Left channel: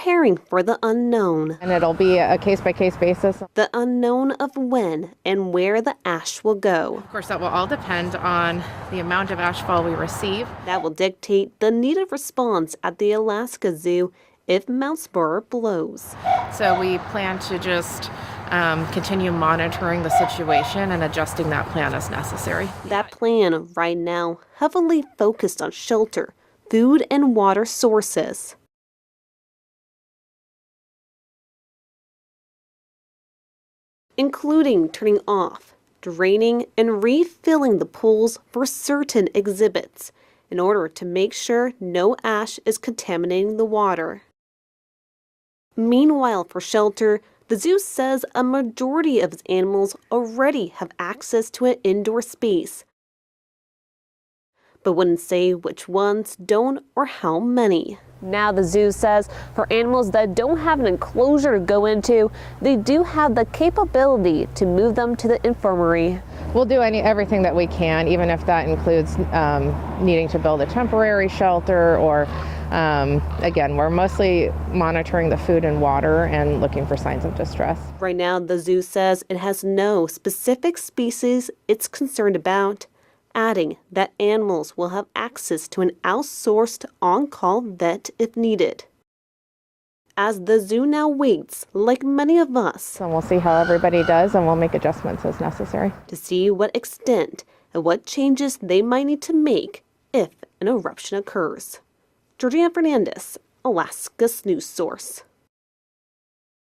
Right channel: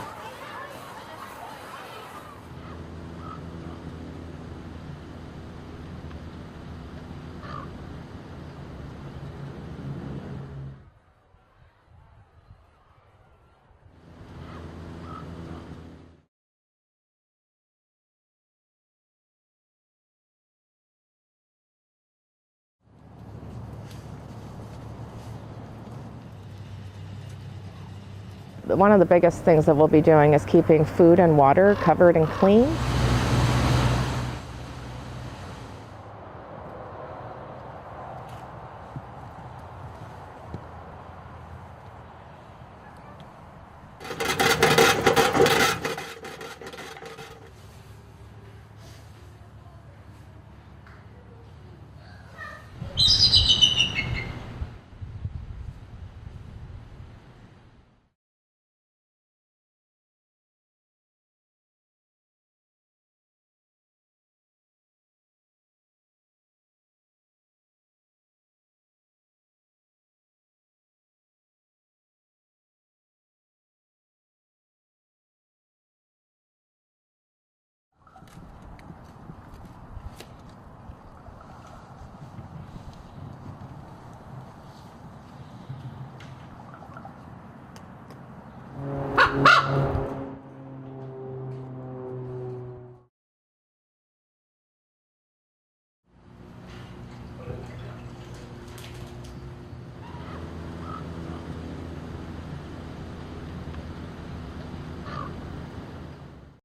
preparing for the unknown. And it'll be a case-by-case basis. The unknown of when and where the ash will go. Of course, that will all depend on the amount of ashfall we receive. That will dictate the needed response at the Alaska Zoo if Mount Spurr blows. So we plan to just continue monitoring the situation and adjusting that plan as necessary. That plan right now heavily focused on shelter, food and water sources. One of the biggest things that we'll be doing is keeping food and water covered and clean, including turning off, draining, and refilling the pools for certain exhibits in order to make sure no ash is contaminating the water. Meanwhile, for shelter, the zoo says a majority of its animals already have access to an indoor space, but wouldn't say which ones don't or how many. Now the zoo says for animals that don't have an enclosure to go into, they do have the capability to move them to the infirmary. We'll do everything that we can, even if that includes needing to build a temporary shelter or, again, we're mostly monitoring the food and water and looking for signs of distress. Right now, the zoo says it has no specific species it's concerned about, adding that animals will have access to an outsourced on-call vet if needed. As the zoo now waits, like many of us, And we'll see how everybody does, and we'll make adjustments as necessary to see what extent and what changes they might need to make if an eruption occurs. Georgina Fernandez, Alaska's news source.